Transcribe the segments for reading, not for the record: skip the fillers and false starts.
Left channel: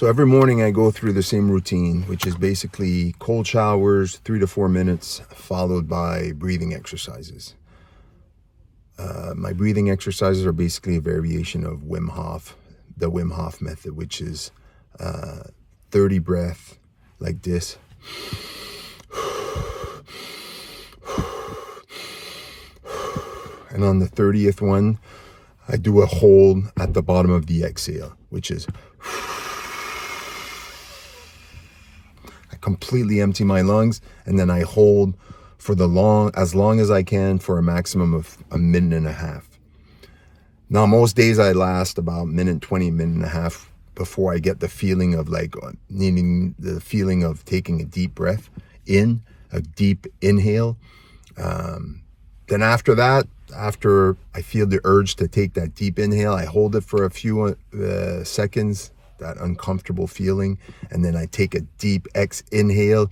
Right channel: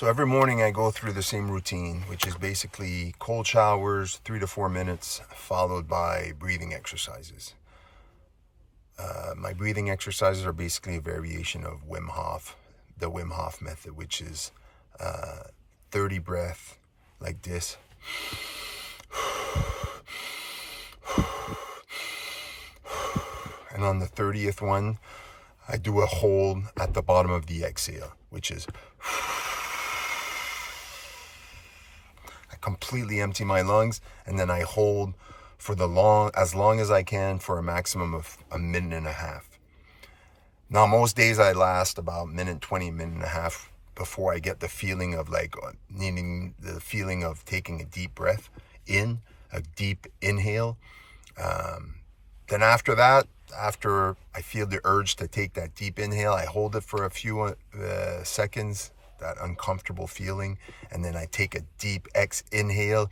So every morning I go through the same routine, which is basically cold showers, 3 to 4 minutes, followed by breathing exercises. My breathing exercises are basically a variation of Wim Hof, the Wim Hof method, which is 30 breath like this. And on the 30th one, I do a hold at the bottom of the exhale, which is I completely empty my lungs, and then I hold for as long as I can for a maximum of a minute and a half. Now, most days I last about minute 20, minute and a half before I get the feeling of needing the feeling of taking a deep breath in, a deep inhale. Then after that, after I feel the urge to take that deep inhale, I hold it for a few seconds, that uncomfortable feeling, and then I take a deep inhale,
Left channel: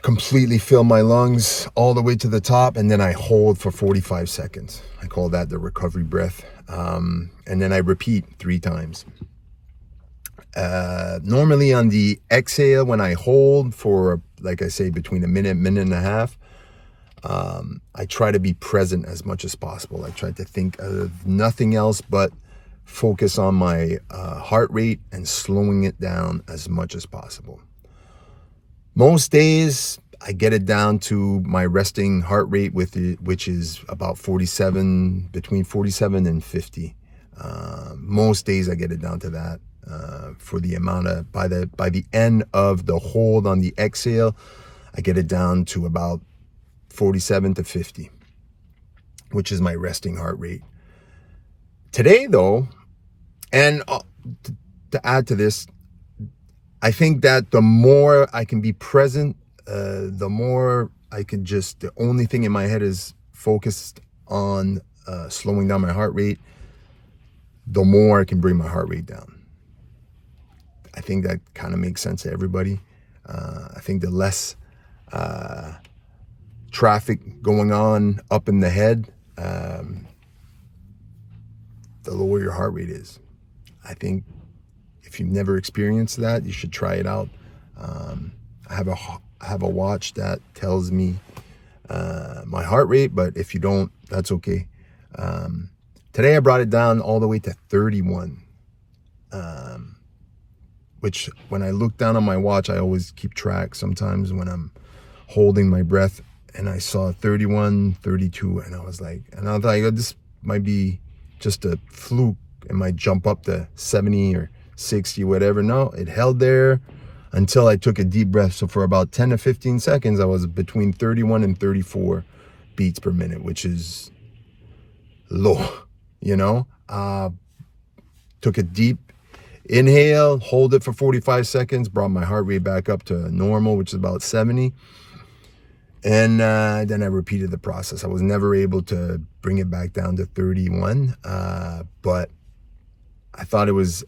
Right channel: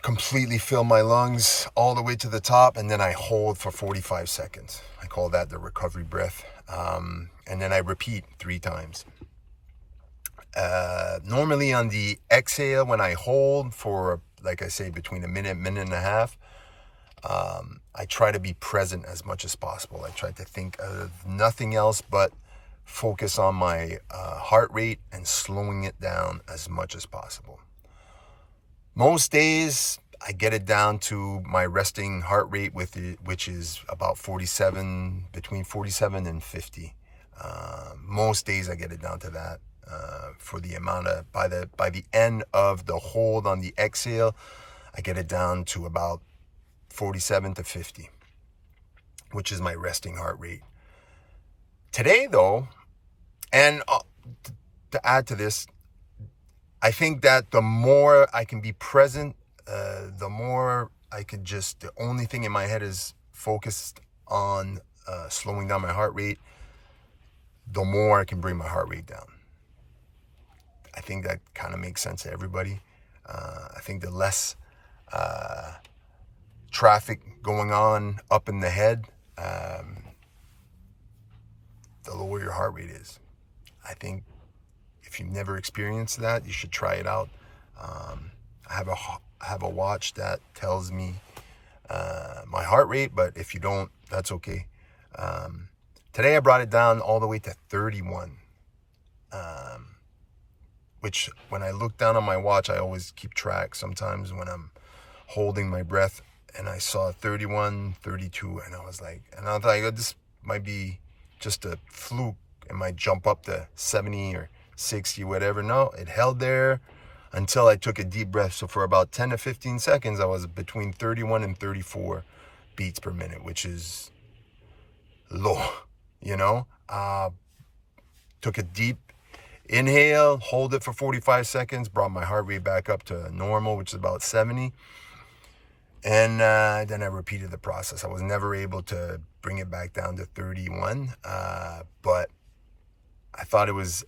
completely fill my lungs all the way to the top, and then I hold for 45 seconds. I call that the recovery breath. And then I repeat 3 times. Normally on the exhale, when I hold for, like I say, between a minute and a half, I try to be present as much as possible. I try to think of nothing else but focus on my heart rate and slowing it down as much as possible. Most days, I get it down to my resting heart rate, which is about 47, between 47 and 50. Most days I get it down to that. For the amount of, by the end of the hold on the exhale, I get it down to about 47 to 50, which is my resting heart rate. Today though, and to add to this, I think that the more I can be present, the more I can the only thing in my head is focused on slowing down my heart rate, the more I can bring my heart rate down. I think that kind of makes sense to everybody. I think the less traffic going on up in the head, the lower your heart rate is. I think if you've never experienced that, you should try it out. I have a watch that tells me my heart rate, but if you don't, that's okay. Today I brought it down all the way to 31, which when I look down on my watch, I always keep track sometimes when I'm holding my breath, and I saw 31, 32, and I was like, and I thought, this might be just a fluke. It might jump up to 70 or 60, whatever. No, it held there until I took a deep breath. So for about 10 to 15 seconds, I was between 31 and 34 beats per minute, which is low, Took a deep inhale, hold it for 45 seconds, brought my heart rate back up to normal, which is about 70. And then I repeated the process. I was never able to bring it back down to 31, but I thought it was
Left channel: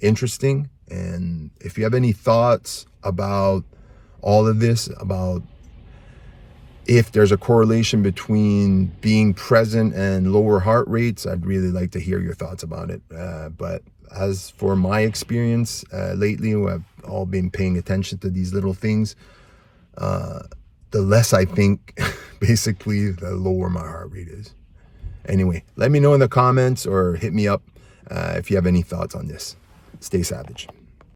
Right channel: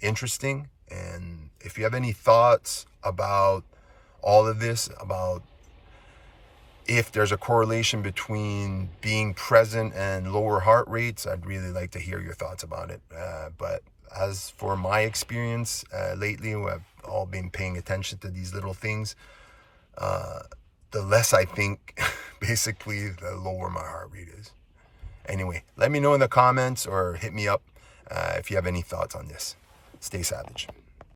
interesting. And if you have any thoughts about all of this, about if there's a correlation between being present and lower heart rates, I'd really like to hear your thoughts about it. But as for my experience lately, I've all been paying attention to these little things. The less I think, basically, the lower my heart rate is. Anyway, let me know in the comments or hit me up if you have any thoughts on this. Stay savage.